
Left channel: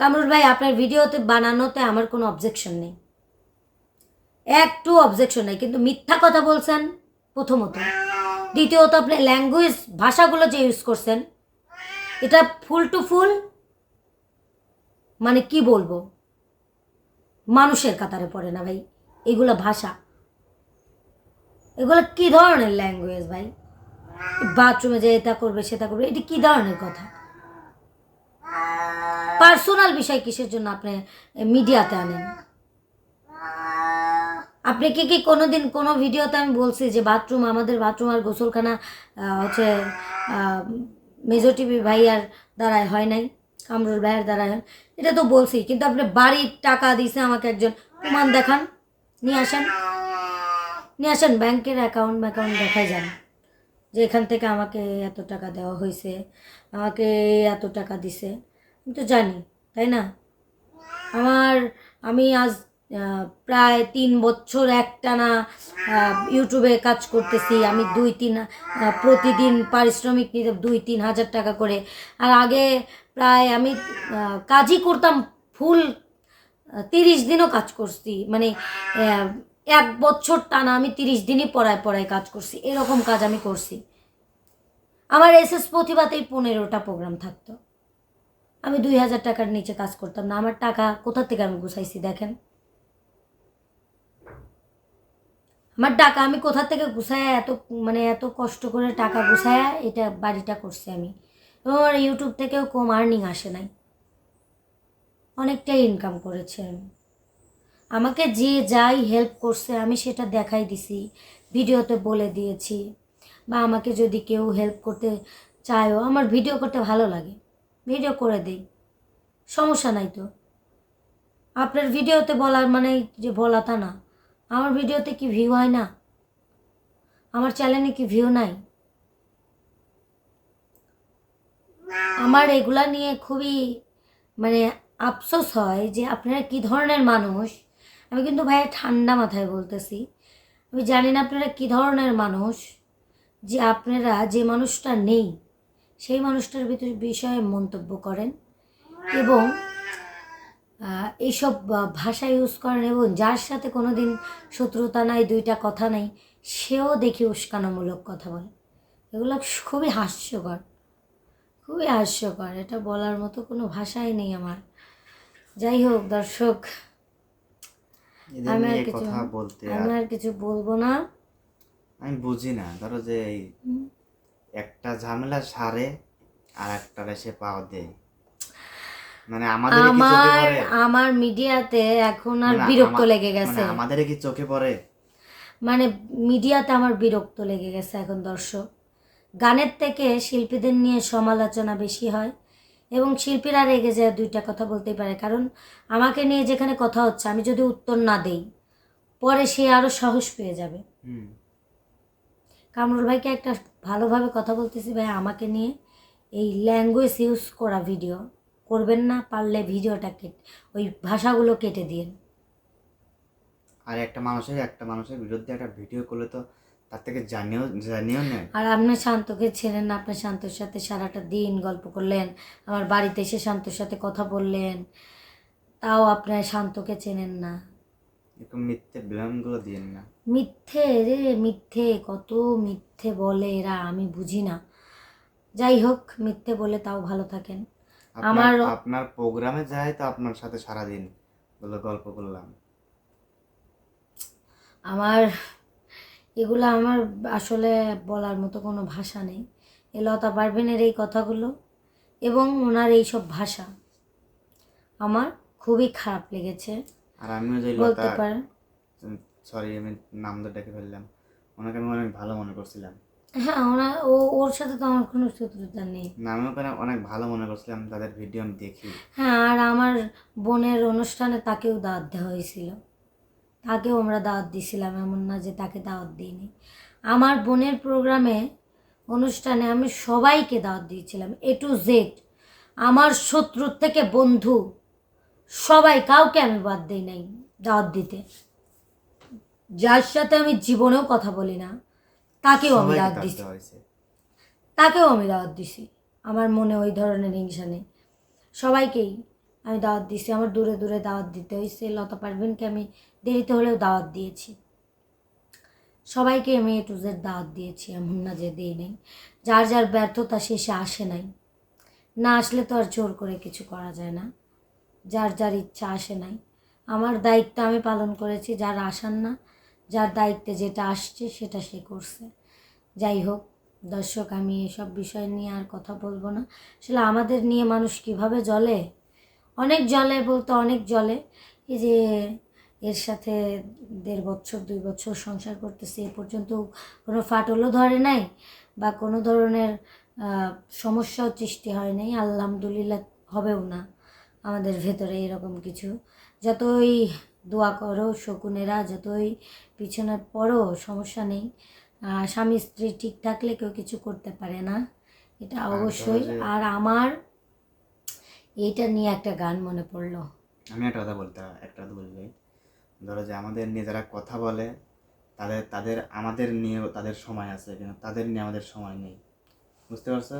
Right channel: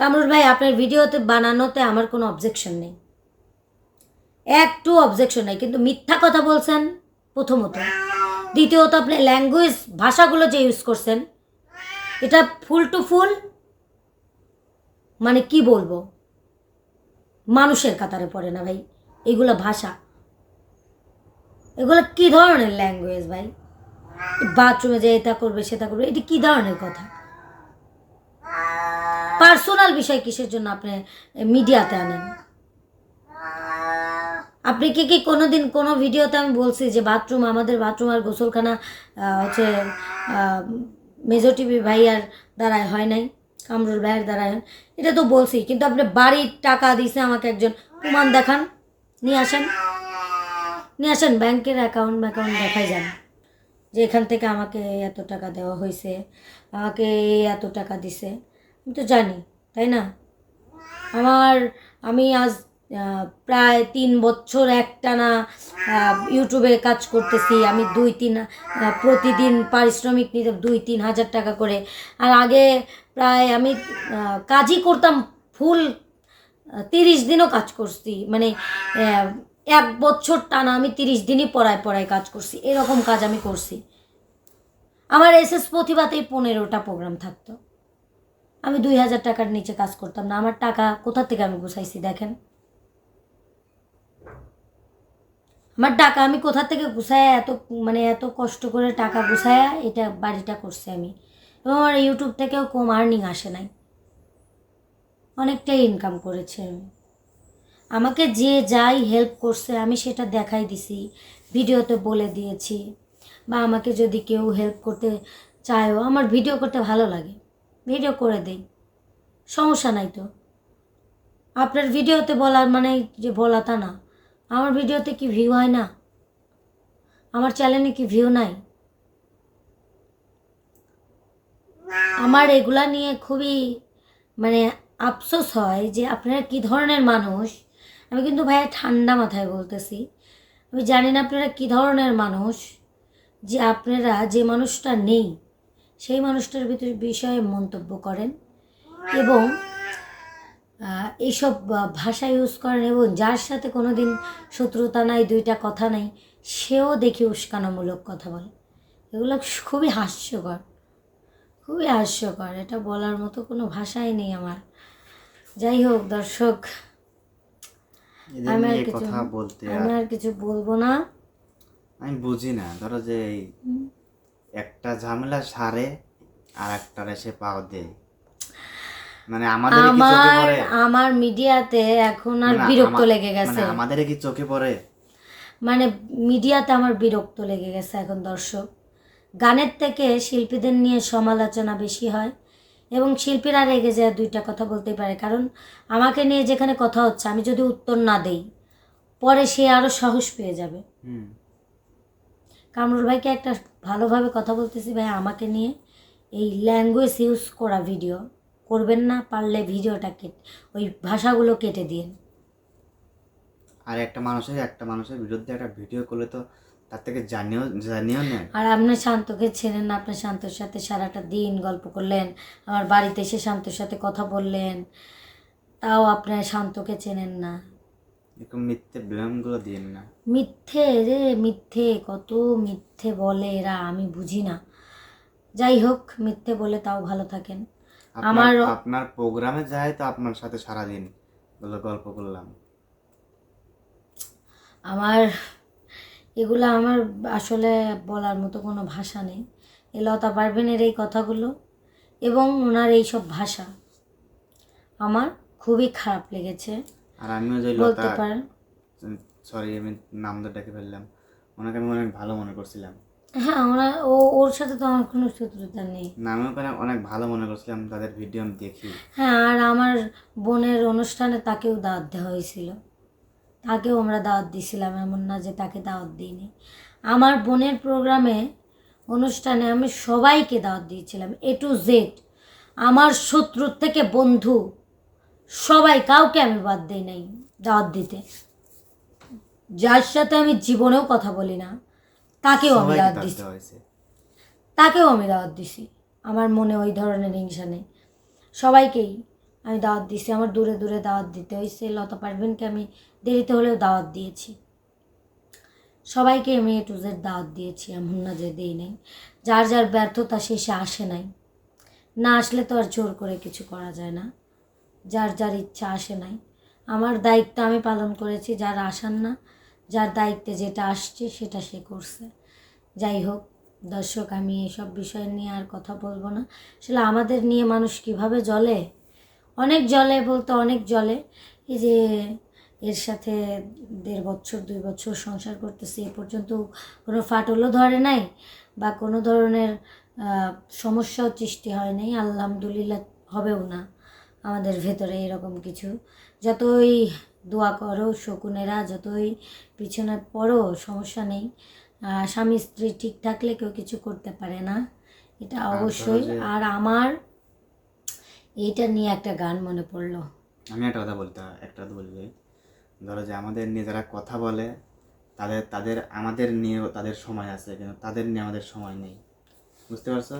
কামরুল ভাই, আপনার ভিডিওতে বানানোতে আমার কোনো অবজেকশন নেই। একটু অবজেকশন নেই, কিন্তু মিথ্যা কথা বলছেন প্রথমত। দ্বিতীয়ত, আপনি ল্যাঙ্গুয়েজ ভাষাগুলো যে ইউজ করছেন, এটা ফুল টু ফুল মানে কি বলব? মানুষের কাতারে পড়ে না ভাই, এগুলো ভাষা। এগুলো কি ধরনের ল্যাঙ্গুয়েজ ভাই? বাথরুমে যে এটা করবে, সেটা করবে, এটি কি ধরনের কথা? পার্সোনাল বিষয় কিসের জন্য আপনি মিডিয়াতে আনেন? আপনি কি কি কোনো দিন কোনো ভিডিওতে আমি বলছি যে বাথরুম, আমাদের বাথরুম আর গোসলখানা হচ্ছে মেজর টিভি ভাইয়ার দ্বারায় হয় নাই, কামরুল ভাইয়ের দ্বারায় হয়, এটা তো বলছি, কিন্তু আপনি বাড়ির টাকা দিছে আমাকে একজন, প্রমাণ দেখান, নিয়ে আসেন। নিয়ে আসেন, ব্যাংকের অ্যাকাউন্ট অ্যাকাউন্ট দেখাই যান। যে এখান থেকে আমাকে এত টাকা দেওয়া হয়েছে, আমাকে এত টাকা দিছে, আমি তো জানি, তাই না? আমার, আমি আজ প্রায় তিন বছর একটানা ইউটিউবে কাজ করতেছি, আমি দুই তিন প্রতিদিন পারিশ্রমিক নিতে দুই তিন হাজার টাকা করে। আর আগে প্রায় আমি কাজই করতাম, ফুল তিরিশ দিনও কাজ করছি মানে এক বছর টানা আমি তিরিশ দিনই পড়ায় পড়ায় কাজ করছি, এরকম কাজ আমি করছি। আমার এস এস প্রতিভাতেই পনেরোটা প্রোগ্রাম থাকতো। আমি দুই হাজার টাকার নিচে কাজ করতাম না, আমার টাকা কোথা থেকে আমি গুছাইছি দেখেন। আমার টাকা আমি কোথা থেকে গুছায়া এত মানে এত কষ্ট করে টাকা গুছায়া এটা বাড়িটা করছি আমি। এবং আমার ইউটিউব থেকেও কম আর্নিং আসে নাই। অনেকটাই ইনকাম করেছে আমি। আমাকে যে যাই হেল্প করছে, আমি সেটা দেখাই দিছি, ভিডিওতে বলে দিয়েছি। বা আমাকে যদি কেউ হেল্প করতে চায়ও, আমার ভিডিও করতে ভালো লাগে, ভিডিও করে দেই, সমস্যা নাই তো। আপনার ভিডিওতে বলার মানে যে বলা তা না, আমার ভিডিওতে কি ভিউ হয় না? আমার চ্যানেলে কি ভিউ নাই? আমার এগুলা নিয়ে খুবই মানে আফসোস হয় যে আপনারা কি ধরনের মানুষ? আমি কিন্তু ভাইয়া ঠান্ডা মাথায় বলতেছি। আমি জানি না আপনারা কী ধরনের মানুষ, যে আপনারা যে মানুষটা নেই, সেই মানুষটার ভিতরে বিষয়ে মন্তব্য করেন এবং এইসব ভাষা ইউজ করেন এবং যার সাথে কোনো দিন শত্রুতা নাই, দুইটা কথা নাই, সেও দেখি উস্কানোমূলক কথা বলে। এগুলো খুবই হাস্যকর খুবই হাস্যকর। এটা বলার মতো কোনো ভাষাই নেই আমার। যাই হোক দর্শক আমি আর কিছু কথা বলতে আমি আর কিছু বলব না। আমি বুঝি না। ধরো যে এই একটা ঝামেলা সারে আর একটা এসে পাও দেয়। মানে আমাদের কি চোখে আমার পড়ে? আমার মিডিয়াতে এখন আর মানে বিরক্ত লেগে গেছে। মানে আমাদের কি চোখে পড়ে? মানে মিডিয়াতে আমার বিরক্ত লেগে গেছে এখন দর্শক। গানের থেকে শিল্পীদের নিয়ে সমালোচনা বেশি হয়। এবং শিল্পীরা রেগে যায় দুইটা কথা বলতেই পারে কারণ আমাকে নিয়ে যেখানে কথা হচ্ছে আমি যদি উত্তর না দেই পরে সে আরও সাহস পেয়ে যাবে। হুম। কামরুল ভাইকে একটা ভালোভাবে কথা বলতেছি ভাই আমাকে নিয়ে এই ল্যাঙ্গুয়েজ ইউজ করা ভিডিও করবেন না পারলে ভিডিওটা কেটে ওই ভাষাগুলো কেটে দিন। আর একটা মানুষের একটা মানুষের বিরুদ্ধে একটা ভিডিও করলে তো তার থেকে জানিও জানিও নেয় আর আপনি শান্তকে ছেড়েন না আপনি শান্তর সাথে সারাটা দিন গল্প করলেন আমার বাড়িতে এসে শান্তর সাথে কথা বললেন তাও আপনার শান্তকে চেনেন না। এরকম মিথ্যে ব্লেমগুলো দিয়েন না। মিথ্যে রে মিথ্যে কত মিথ্যে বলে এরা আমি বুঝি না। যাই হোক মিথ্যে বলে তাও ভালো থাকেন। আমার- আপনার প্রোগ্রামে যাই তো আপনার সাথে সারাদিন বলে গল্প করলাম। আমার এগুলো আমার আসলে বলার মতো কোনো ভাষা নেই। এ লতা পারভিনের এই কথাগুলো এবং ওনার এই সব ভাষা আমার খুবই খারাপ লেগেছে। আর আমিও যে বলতে লতা পারেন। সরি আমি নাম তো ডেকে ফেললাম। ওনাকে আমি অনেক ভালো মনে করছিলাম। হ্যাঁ ওরা ও ওর সাথে তো আমার কোনো শত্রুতা নেই। নামেও করে অনেক ভালো মনে করছিলাম তাদের ভিডিও আমি দেখি। হ্যাঁ আর আমার বোনের অনুষ্ঠানে তাকেও দাওয়াত দেওয়া হয়েছিল। তাকেও আমরা দাওয়াত দিয়েছিলাম এমন না যে তাকে দাওয়াত দিইনি। আমার বোনের প্রোগ্রামে অনুষ্ঠানে আমি সবাইকে দাওয়াত দিয়েছিলাম এ টু জেড আমার শত্রুর থেকে বন্ধু সবাই কাউকে আমি বাদ দিই নাই দাওয়াত দিতে। যার সাথে আমি জীবনেও কথা বলি না তাকেও আমি দাওয়াত দাওয়াত দিছি। তাকেও আমি দাওয়াত দিছি। আমার মনে ওই ধরনের হিংসা নেই। সবাইকেই আমি দাওয়াত দিছি আমার দূরে দূরে দাওয়াত দিতে হয়েছে। লতা পারভিনকে আমি দেরিতে হলেও দাওয়াত দিয়েছি। সবাইকে আমি এ টু জেড দাওয়াত দিয়েছি, এমন না যে দিই নাই। যার যার ব্যর্থতা শেষে আসে নাই। না আসলে তো আর জোর করে কিছু করা যায় না। যার যার ইচ্ছা আসে নাই। আমার দায়িত্ব আমি পালন করেছি, যার আসার না, যার দায়িত্বে যেটা আসছে সেটা সে করছে। যাই হোক, দর্শক, আমি এসব বিষয় নিয়ে আর কথা বলব না। আসলে আমাদের নিয়ে মানুষ কীভাবে জলে অনেক জলে বলতে অনেক জলে এই যে এর সাথে দেড় বছর দুই বছর সংসার করতেছি এ পর্যন্ত কোনো ফাটলও ধরে নাই বা কোনো ধরনের সমস্যাও সৃষ্টি হয় নাই। আলহামদুলিল্লাহ হবেও না। আমাদের ভেতরে এরকম কিছু। যতই দোয়া করো শকুনেরা যতই পিছনে পড়ো সমস্যা নেই। স্বামী স্ত্রী ঠিক থাকলে কেউ কিছু করতে পারে না। এটা অবশ্যই। আর আমার এইটা নিয়ে একটা গান মনে পড়ল। আমি একটা কথা বলতে একটা কথা বলবি ধরো যে আমাদের নিয়ে যারা কথা বলে তাদের তাদের আমাদের নিয়েও তাদের সময় আছে কিন্তু তাদের নিয়ে আমাদের সময় নেই। বুঝতে পারছ?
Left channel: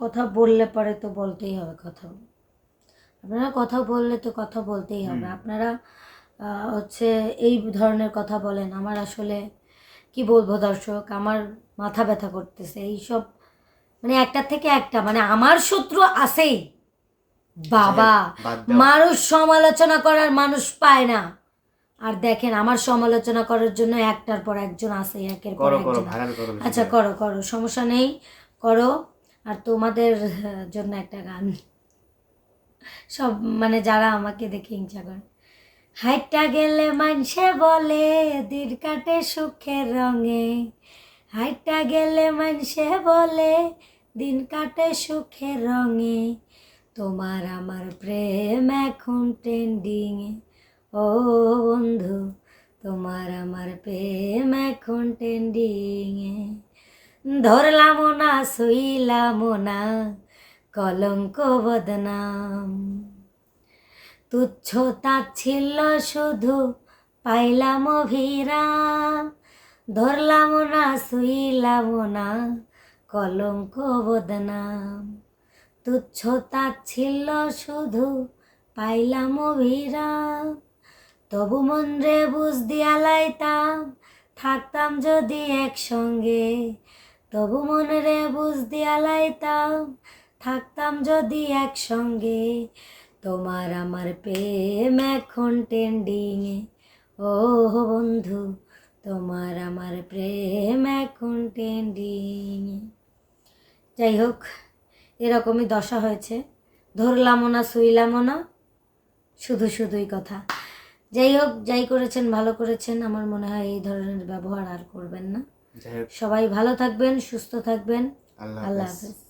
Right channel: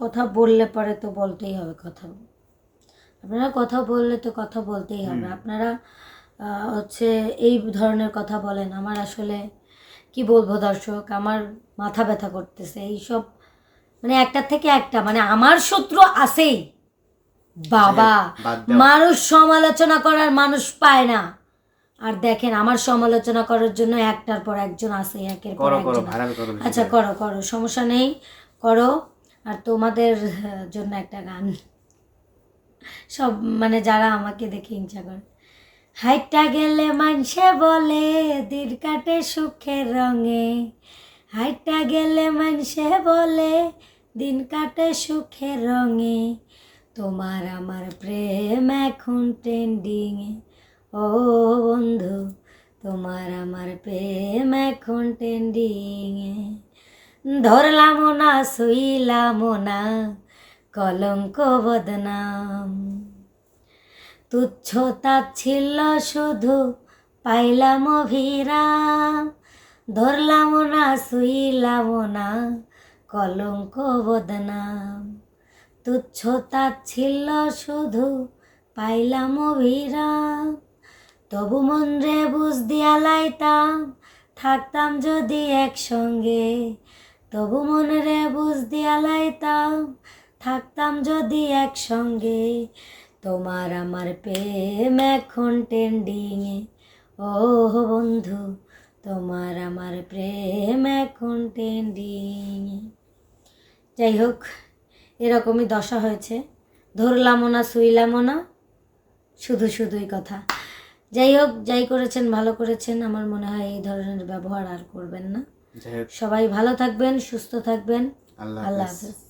কথা বললে পরে তো বলতেই হবে কথা। আপনারা কথা বললে তো কথা বলতেই হবে। আপনারা হচ্ছে এই ধরনের কথা বলেন। আমার আসলে কি বলব দর্শক? আমার মাথা ব্যথা করতেছে। এইসব মানে একটা থেকে একটা মানে আমার শত্রু আছেই। বাবা মানুষ সমালোচনা করার মানুষ পায় না। আর দেখেন আমার সমালোচনা করার জন্য একটার পর একজন আছে একের পর একজন আচ্ছা করো। করো সমস্যা নেই করো। আর তোমাদের জন্য একটা গান। সব মানে যারা আমাকে দেখে হিংসা করে। হাইটটা গেলে মানসে বলে দিন কাটে সুখের রঙে। হাইটটা গেলে মানসে বলে দিন কাটে সুখের রঙে। তোমার আমার প্রেম এখন ট্রেন্ডিং ও বন্ধু, তোমার আমার প্রেম এখন ট্রেন্ডিং ধরলাম না শুইলাম না, কলঙ্ক বদনাম। তুচ্ছ ছিল শুধু, পাইলাম অভিরাম ধরলাম না শুইলাম না, কলঙ্ক বদনাম। তুচ্ছ ছিল শুধু, পাইলাম অভিরাম। তবু মন রে বুঝ দিয়া লাইতাম, থাকতাম যদি একসঙ্গে। তবু মন রে বুঝ দিয়া লাইতাম, থাকতাম যদি একসঙ্গে। তোমার আমার প্রেম এখন ট্রেন্ডিংয়ে ও বন্ধু, তোমার আমার প্রেম এখন ট্রেন্ডিংয়ে যাই হোক এরকমই দশা হয়েছে। ধরলামও না শুইলামও না শুধু শুধুই কথা। যাই হোক যাই করেছেন ভালো করেছেন আমার মনে হয় এই ধরনের ব্যবহার আর করবেন না। সবাই ভালো থাকবেন সুস্থ থাকবেন। আল্লাহ হাফেজ।